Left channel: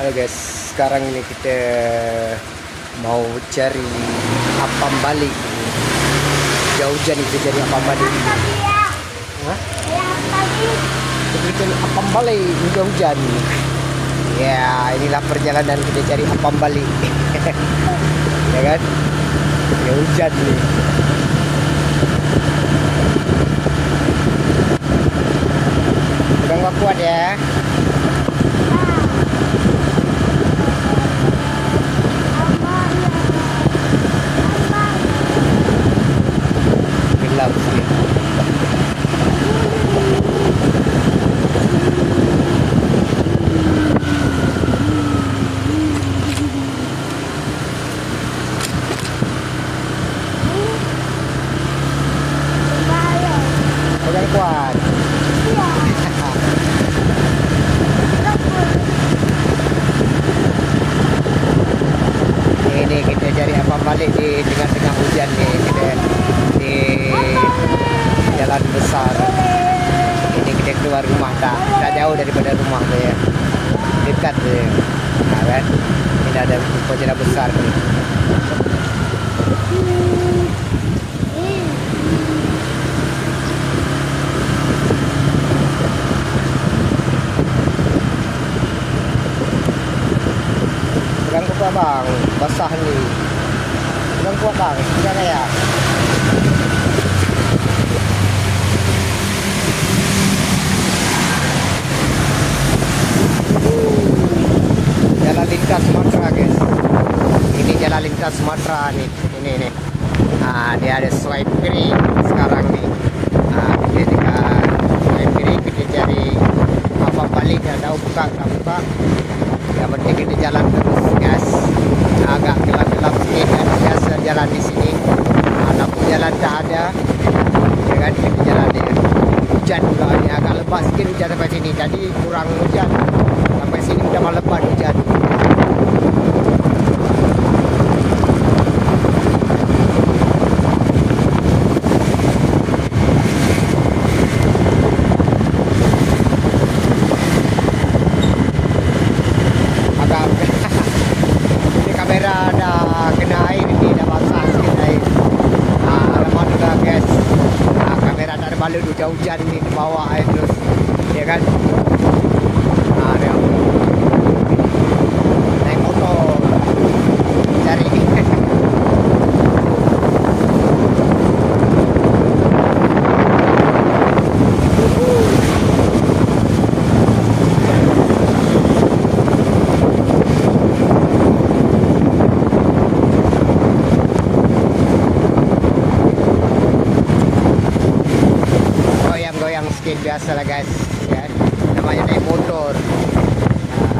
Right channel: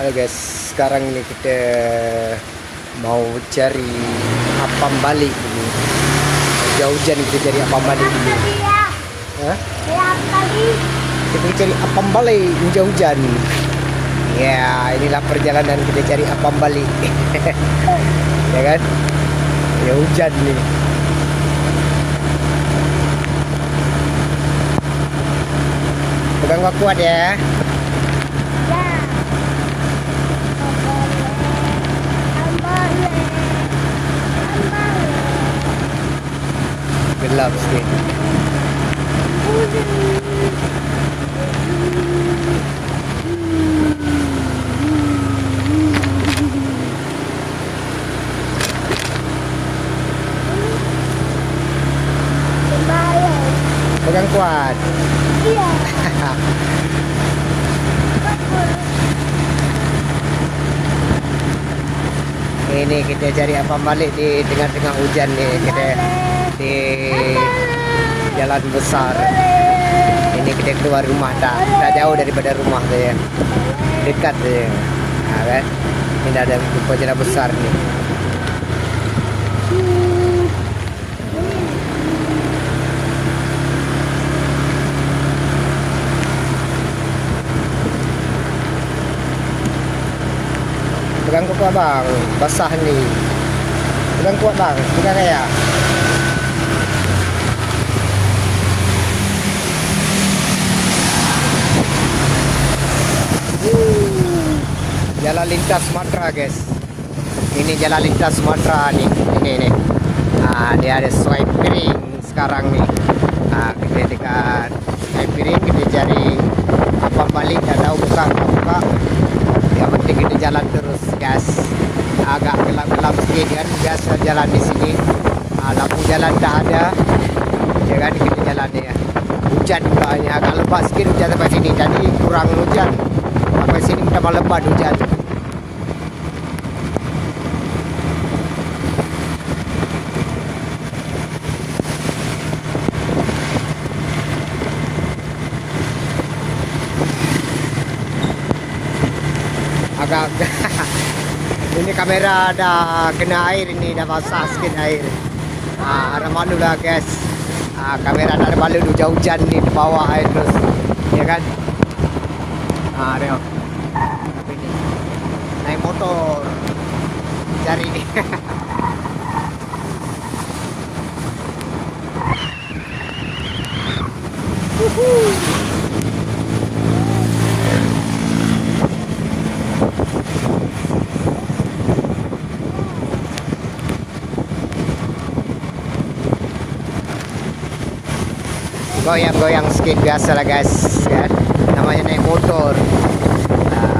Halo guys, sekarang ini kita mau cari apam balik ini. Hujan kita cari apam balik ini. Kita cari apam balik hujan. Ya, inilah perjalanan kita cari apam balik. Ya kan? Ya hujan nih. Pegang kuat ya. Gelap sih. Pegang kuat. Iya. Ini kita cari apam balik di tengah-tengah hujan nih. Kita di jalan besar. Ini kita keluar rumah tak jauh daripada rumah tu ya. Dekat tu ya. Nah, kan? Ini ada jalan besar nih. Pegang kuat bang, basah ni. Pegang kuat bang, pegang ya. Jalan lintas Sumatera guys. Ini jalan lintas Sumatera nih. Ini. Dia ada swipe kiri sekarang nih. Ketika swipe kiri kita cari apa balik, tak tahu buka tak buka. Yang penting kita jalan terus guys. Agak gelap-gelap sikit kan. Biasa jalan di sini. Lampu jalan tak ada. Ya kan, kita jalan ya. Hujan pula hanya agak lebat sikit hujan sampai sini. Jadi kurang hujan. Sampai sini dah lebat hujan. Ini kamera dah kena air ni, dah basah sikit air. Ada malu dah guys. Kamera dah ada balik hujan-hujan ni ke bawah air terus. Ya kan? Tengok. Naik motor. Cari. Goyang-goyang sikit biasa lah guys ya. Namanya naik motor.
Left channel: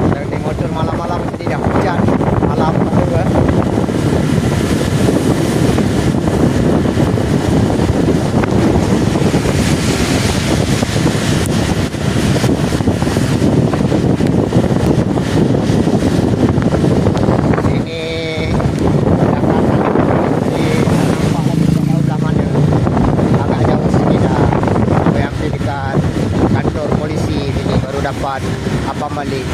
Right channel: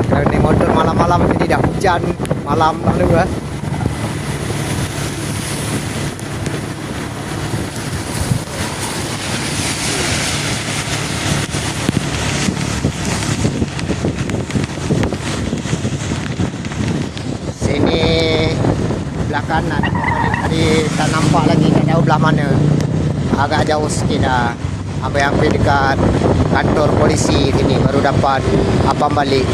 Kalau naik motor malam-malam ini dah hujan. Malam padu lah. Sini belah kanan. Tadi tak nampak lagi tak jauh belah mana. Agak jauh sikit dah. Hampir dekat kantor polisi ini baru dapat apam balik.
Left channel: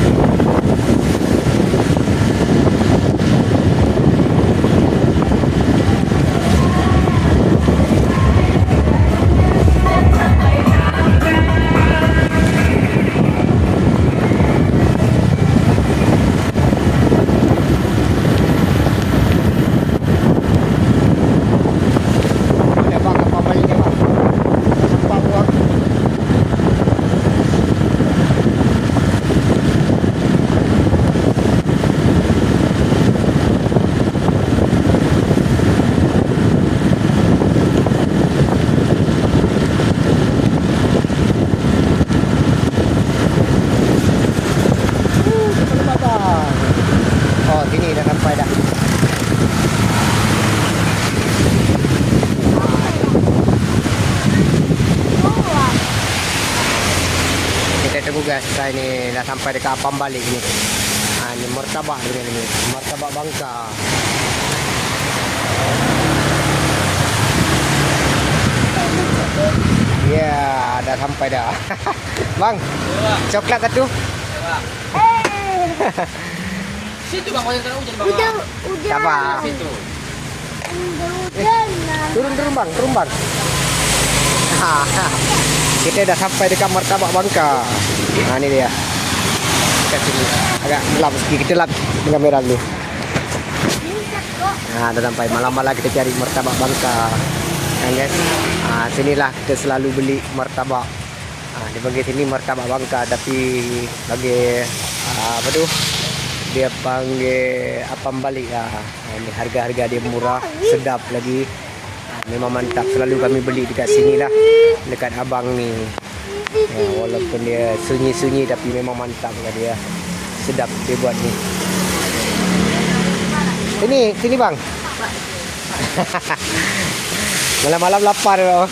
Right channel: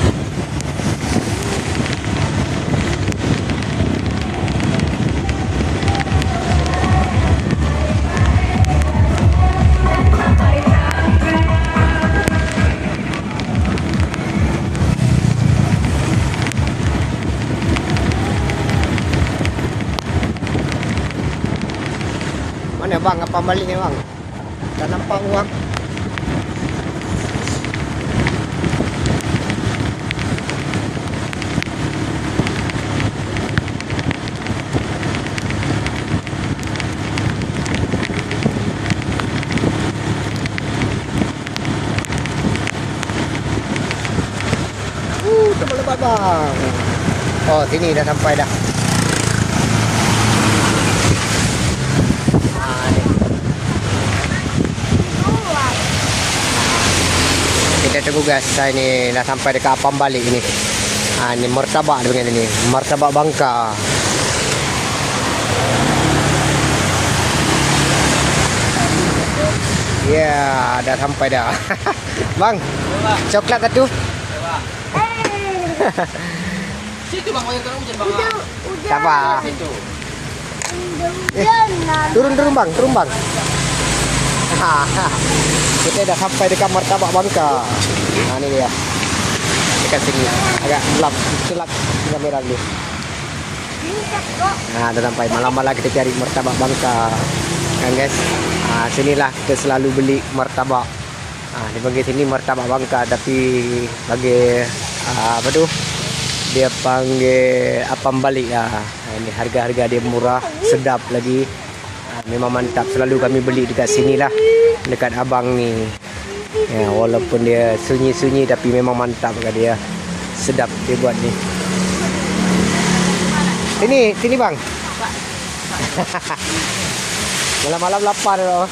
Mana bang apam balik ni bang? Tak nampak bang. Oh, sini dah sampai dah. Kita tunggu guys. Ini dah sampai dekat apam balik ni. Ini martabak dia ni. Martabak Bangka. Ya, dah sampai dah. Bang, coklat satu. Situ bang, hujan bang. Udah. Sabar. Situ. Udah. Turun bang, turun bang. Kita dah sampai dekat Martabak Bangka. Nah ini dia. Dekat sini. Agak gelap sikit, kita lap kamera dulu. Nah, dah sampai malam-malam kita cari Martabak Bangka. Kan guys? Sinilah kita selalu beli martabak. Dia panggil sini Martabak Bangka, tapi bagi apa tu? Dia panggil apam balik lah. Harga-harga dia murah, sedap lagi. Memang mantap, selalu kami beli dekat sini lah, dekat abang ni. Walaupun dia sunyi-sunyi tapi memang mantap kat dia. Sedap dia buat ni. Sini bang. Malam-malam lapar bang.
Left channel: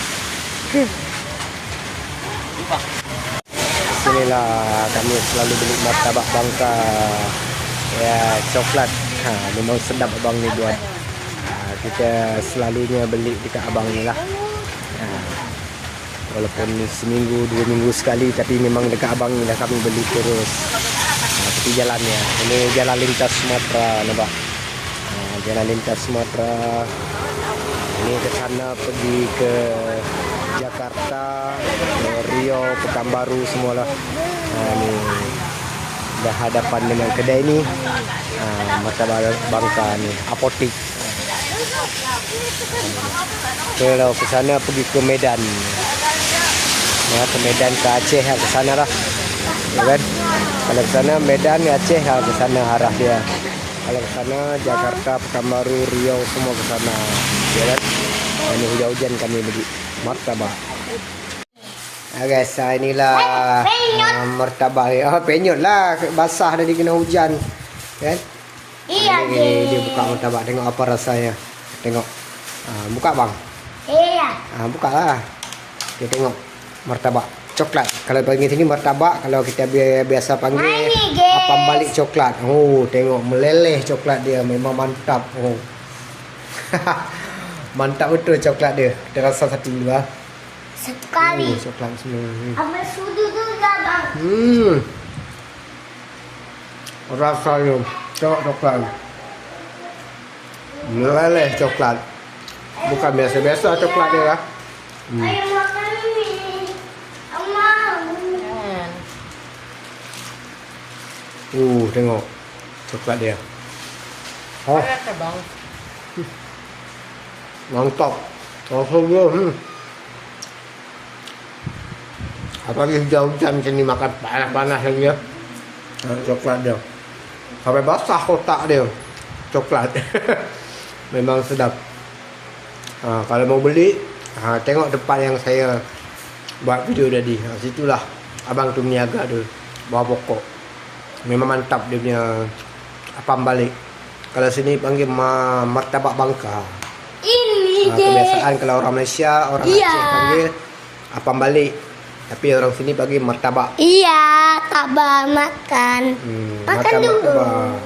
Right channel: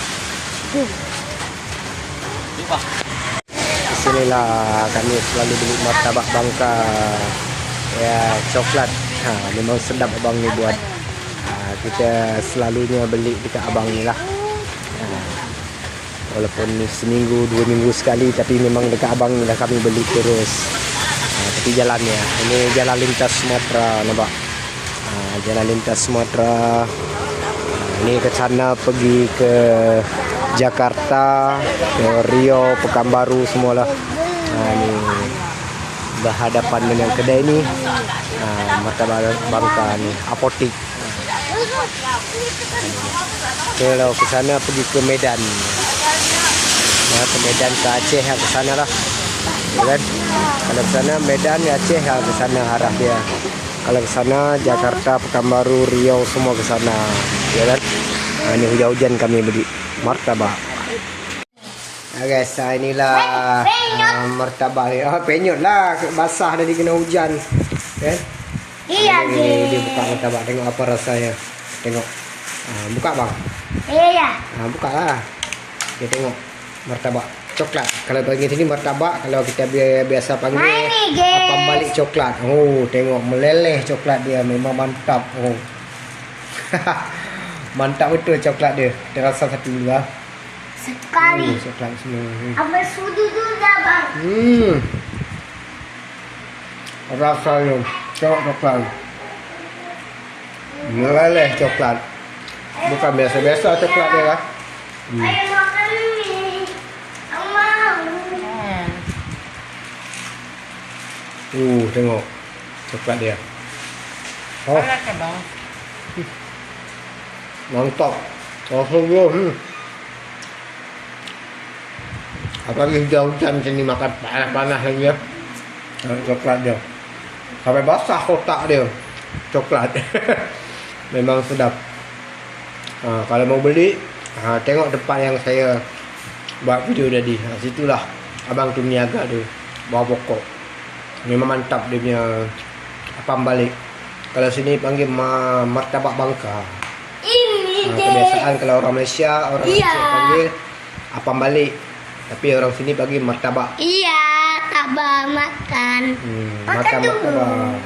Sinilah kami selalu beli Martabak Bangka. Ya, coklat. Memang sedap abang ni buat. Kita selalunya beli dekat abang ni lah. Walaupun seminggu, 2 minggu sekali, tapi memang dekat abang ni lah kami beli terus. Tapi jalannya, ini jalan lintas Sumatera, nampak? Jalan lintas Sumatera. Ini ke sana pergi ke Jakarta, ke Riau, Pekanbaru semualah. Ini berhadapan dengan kedai ni. Martabak Bangka ni, apotik. Kalau ke sana pergi ke Medan. Ke Medan, ke Aceh, ke sana lah. Kan? Kalau ke sana Medan, Aceh, ke sana arah dia. Kalau ke sana Jakarta, Pekanbaru, Riau semua ke sana. Ya kan? Ini hujan-hujan kami beli martabak. Guys, inilah martabak ni. Penyot lah, basah dari kena hujan. Kan? Iya, dia buka martabak, tengok apa rasanya. Tengok. Buka bang. Iya. Buka lah. Kita tengok martabak coklat. Kalau bagi sini martabak, kalau kita biasa panggil apam balik coklat. Oh, tengok meleleh coklat dia, memang mantap. Oh. Mantap betul coklat dia. Kita rasa satu dulu lah. Sekali. Coklat semua. Apa sudu dulu dah bang? Rasanya coklat. Meleleh coklat. Bukan biasa-biasa coklat dia lah. Ayo makan ni. Tengok coklat dia. Oh, mantap. Langsung dia. Apalagi hujan-hujan macam ni, makan panas-panas lagi ya. Coklat dia. Sampai basah kotak dia. Coklat. Memang sedap. Kalau mau beli, tengok depan yang saya buat video tadi. Situlah abang tu niaga tu, bawah pokok. Memang mantap dia punya apam balik. Kalau sini panggil Martabak Bangka. Ini Kebiasaan kalau orang Malaysia, orang Aceh panggil apam balik. Tapi orang sini panggil martabak. Iya, tabak makan. Makan martabak.